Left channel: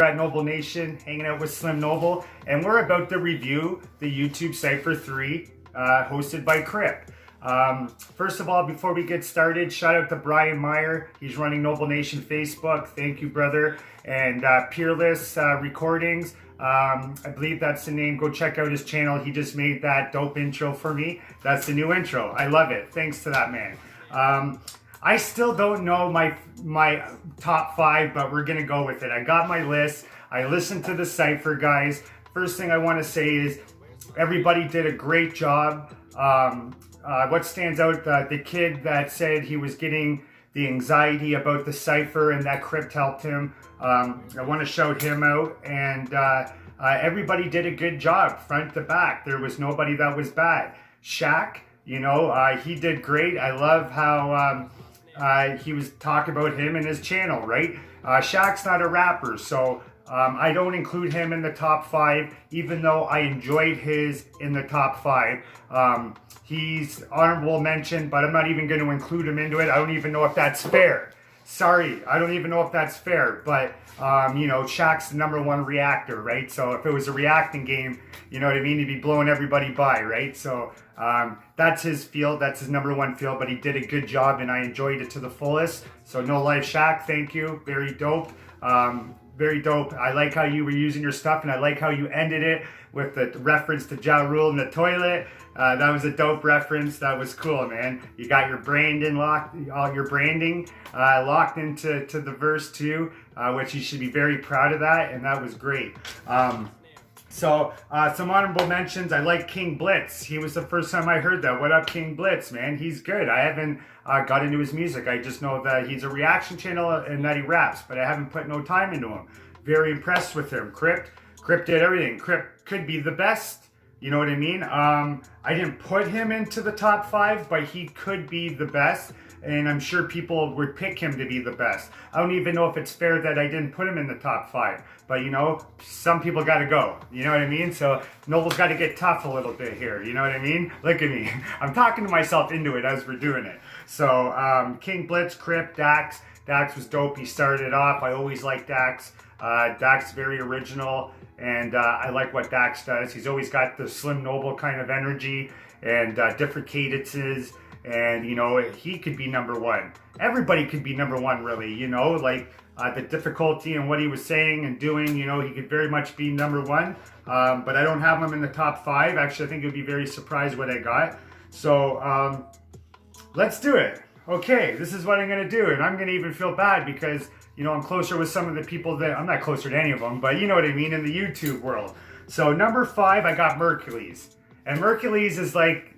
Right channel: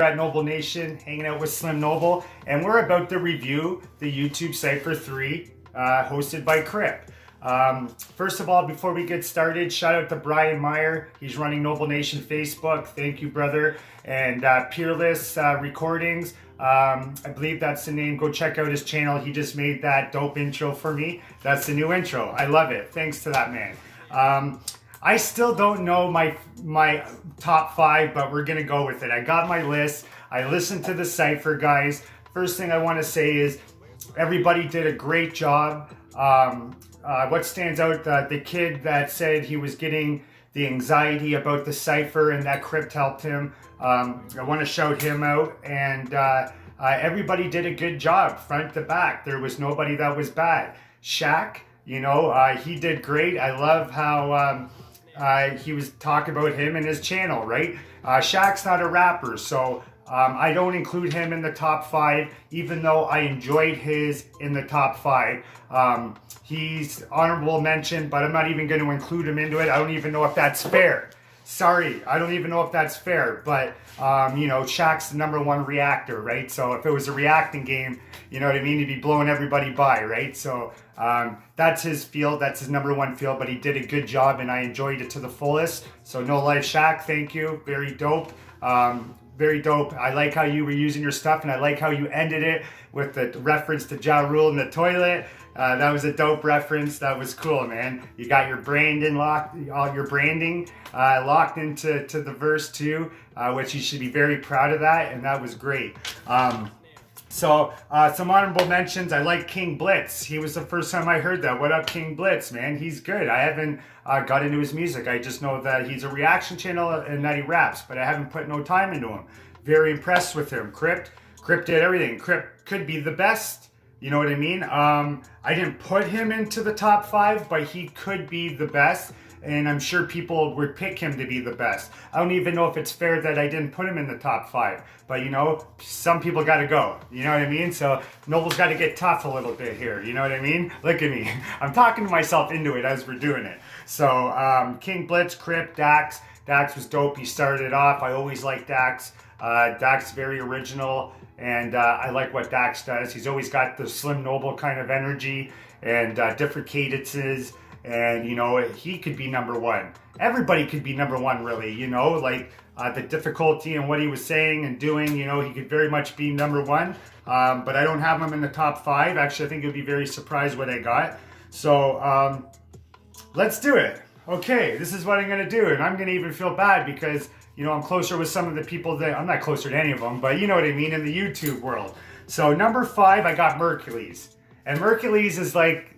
You're at Noble Nation, hanging out with Slim Noble, and we're about to review the YouTube Cypher 3 hosted by Crypt. First of all, before we get started, shout out to Brian Meyer. He's running Noble Nation Facebook. Thank you, brother. And Peerless Recordings. I believe that's the name. Go check out his channel. He just made that dope intro for me. That's the new intro. I love it. Thanks to that man. I still don't know my top 5, but we're gonna go with it. I got my list. I listened to the Cypher guys. First thing I want to say is everybody did a great job. What stands out, the kid that said he was getting the anxiety about the Cypher and that Crypt helped him. I want to shout him out, and everybody did a good job front to back. There was nobody that was bad. Shaq, you know, he did great. I love how he was talking about him and his channel, right? Shaq's not a rapper, so I don't include him in the top 5, even though I enjoyed his in the top 5. He's honorable mention, but I'm not even going to include him into it. I don't even know if that's fair. Sorry, I don't even know if that's fair, but you know, Shaq's the #1 reactor, right? So if it was a reacting game, you know what I mean, he'd be blowing everybody by, right? So that's his field, that's his #1 field, but he did a good job and I enjoyed it to the fullest. So no life Shaq, thank you, very dope. Very dope. I like how you were using your stuff, and I like how you ended it with the reference to Ja Rule in the toilet. That was a dope reference. That was cool, man. You got your branding locked, all your branding locked into the verse too, which you should be very proud of that, and that was great. So some honorable mentions. I like King Blitz. He was the first time I heard that. What up, King Blitz, man? He's good. I haven't got into his music. I just know that he's a reaction channel and that he raps, but I haven't put no time into him. Very impressed with him. Crypt did everything. Crypt could be the best. You know what I mean? I didn't put him into the top 5, but he could be the best. And I'm sure people would pick him to be the best. I don't even know if it's fair that I didn't put him in the top 5. But, you know, some people got to go. You know what I mean? So Noble's got to get tough a little bit here. You know what I mean? Look at me. I'm talking to myself into it as we're doing it. So King Blitz, Crypt, Dax. Dax was dope. He started it off. I always liked Dax. Dax is very original. And I like what Dax does. He's always got the Slim Noble kind of energy and different cadences. And, you know, he could be #1. Everybody could be #1, really, you know, like the difficulty and what he was saying and doing, you know, he could very much be #1. But I don't have him in the top 5. Actually, I think you'll be very surprised what I got. So let's do it. Okay, this is what I'm going to do. And I'm going to even feel bad because, you know, I'm closer with some of the people that, I'm not closer to any of them, but you know what I mean, in the YouTube world. So number 5, I got Merkules. And Merkules is like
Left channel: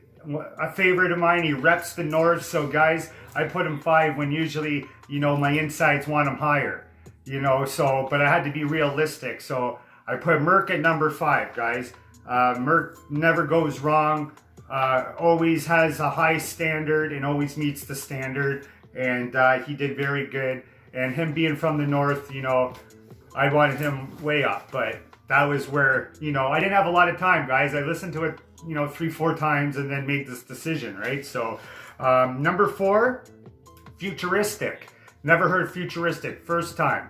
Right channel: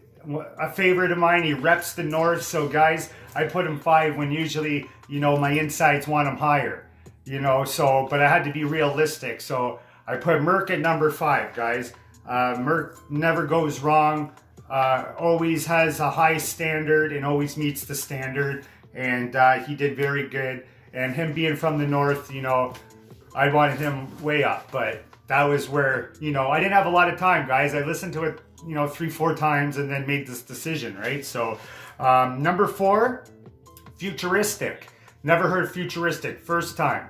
a favorite of mine. He reps the north. So guys, I put him 5 when usually, you know, my insides want him higher, you know, so, but I had to be realistic. So I put Merk at number 5, guys. Merk never goes wrong, always has a high standard and always meets the standard. And he did very good. And him being from the north, you know, I wanted him way up, but that was where, you know, I didn't have a lot of time, guys. I listened to it, you know, 3-4 times and then made this decision, right? So number 4, Futuristic. Never heard Futuristic. First time.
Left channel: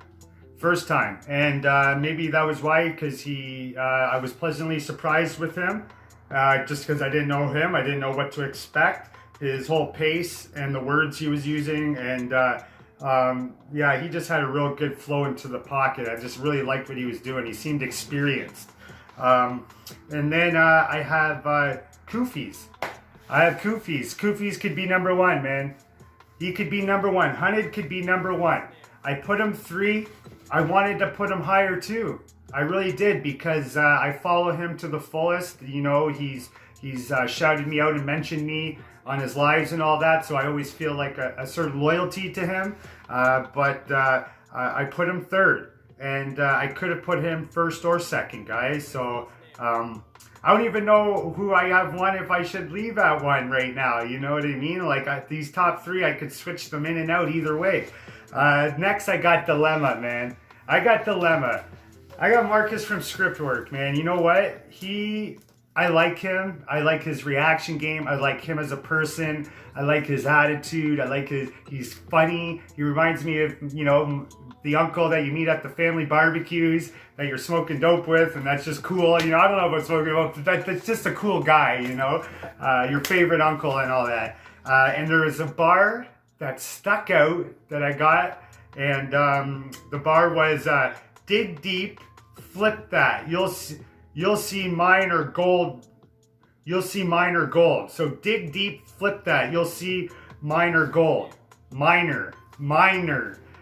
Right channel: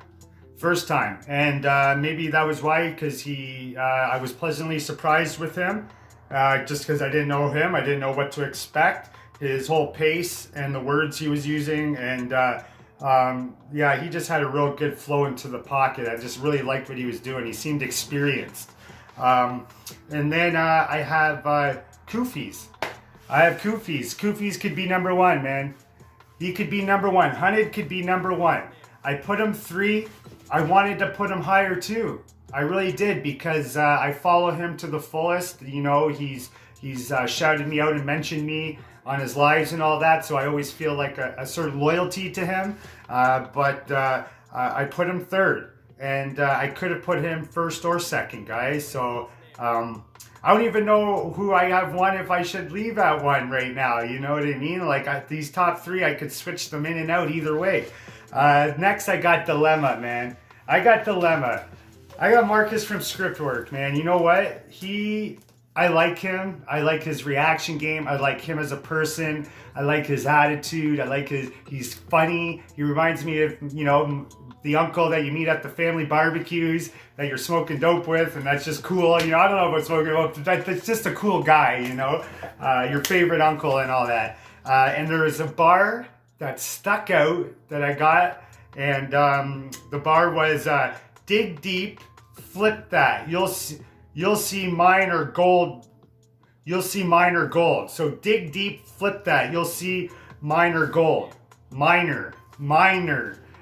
And maybe that was why, because I was pleasantly surprised with him, just because I didn't know him. I didn't know what to expect. His whole pace and the words he was using, and yeah, he just had a real good flow into the pocket. I just really liked what he was doing. He seemed experienced. And then I have Koofies. Koofies could be #1, man. He could be #1. Hunted could be #1. I put him 3. I wanted to put him higher too. I really did, because I follow him to the fullest. You know, he's shouted me out and mentioned me on his lives and all that, so I always feel like a certain loyalty to him. But I put him 3rd, and I could have put him 1st or 2nd, guys. So I don't even know who I have 1 if I should leave at 1 right now. You know what I mean? Like these top 3, I could switch them in and out either way. Next, I got Dilemma, man. I got Marcus from Scriptwork, man. You know what? I like him. I like his reaction game. I like him as a person. I like his attitude. I like he's funny. He reminds me of, you know, the uncle that you meet at the family barbecues that you're smoking dope with, and that's just cool. You know, I don't know about smoking dope, but that's just a cool guy, you know, your favorite uncle and all that. And there is a bar that stuck out that I got, and the bar was dig deep, flip that. You'll see mine are gold. You'll see mine are gold. So dig deep, flip that. You'll see mine are gold. Minor.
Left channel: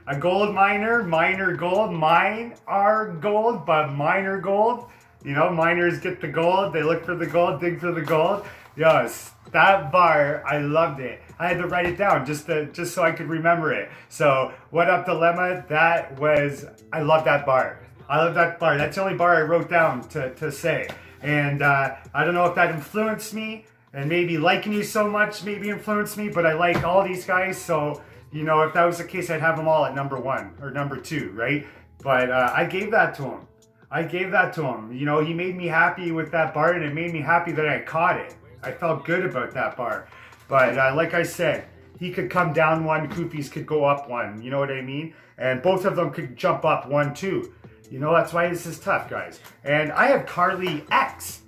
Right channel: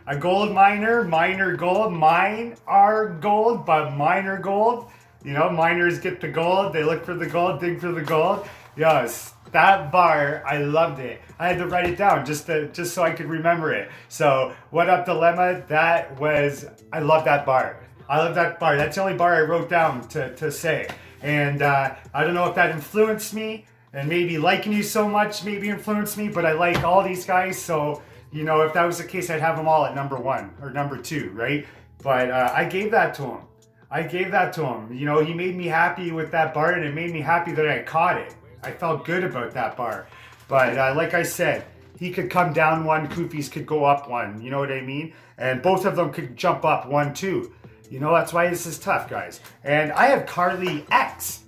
A gold miner, minor gold, mine are gold, but minor gold. You know, miners get the gold, they look for the gold, dig for the gold. Yes, that bar, I loved it. I had to write it down just so I could remember it. So, What Up Dilemma, I love that bar. I love that bar. That's the only bar I wrote down to say. And I don't know if that influenced me, and maybe liking you so much maybe influenced me, but I like all these guys, so, you know, if that was the case, I'd have them all at number 1 or number 2, right? But I gave that to him. You know, he made me happy with that bar, and it made me happy that I caught it. I felt good about that bar. But like I said, he could come down 1, Koofies could go up 1, you know what I mean? And both of them could jump up 1 too. You know, that's why this is tough, guys. And I have Carly X.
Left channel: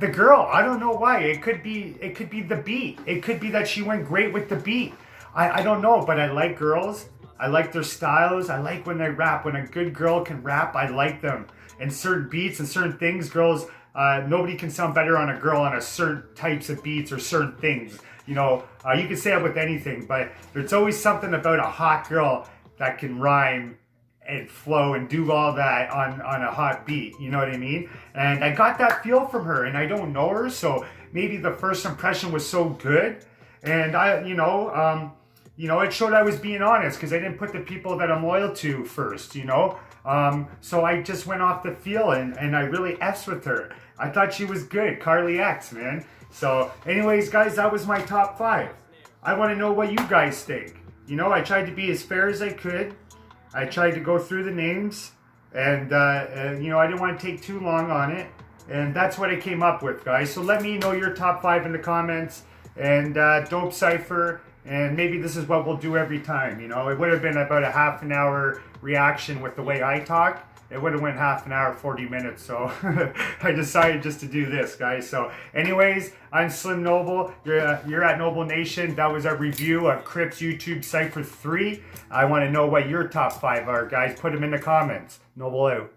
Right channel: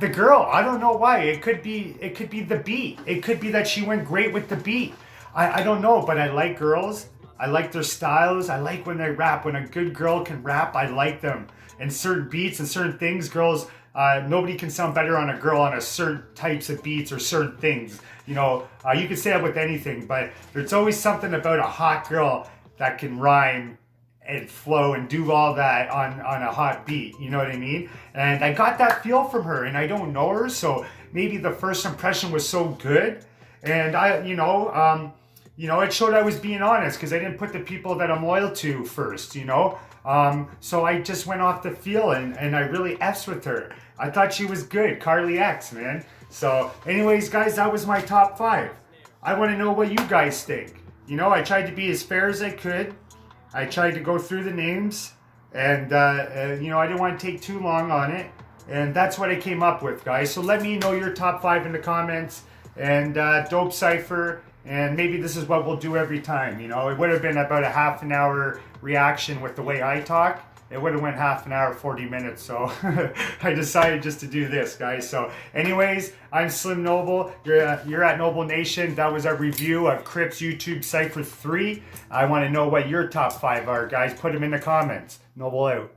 The girl, I don't know why. It could be the beat. It could be that she went great with the beat. I don't know, but I like girls. I like their styles. I like when they rap. When a good girl can rap, I like them. And certain beats and certain things, girls, nobody can sound better on a girl on a certain types of beats or certain things. You know, you can say that with anything, but there's always something about a hot girl that can rhyme and flow and do all that on a hot beat, you know what I mean? And I got that feel from her, and I don't know her, so maybe the first impression was so good, and it showed I was being honest, because I didn't put the people that I'm loyal to first, you know? So I just went off the feel, and I really F's with her. I thought she was good, Carly X, man. So anyways, guys, that was my top 5. I want to know what you guys think. You know, I tried to be as fair as I could. I tried to go through the names, and you know, I didn't want to take too long on it, and that's what I came up with, guys. So let me know your top 5 in the comments, and Dope Cypher, and maybe this is what we'll do every time. You know, it would have been about a half an hour reaction with the way I talk. It would have went half an hour, 40 minutes, so I decided just to do this, guys. So anyways, I'm Slim Noble. You're at Noble Nation. That was our review of Crypt's YouTube Cypher 3. I want to know what your top 5 are, guys. Put them in the comments. Noble out.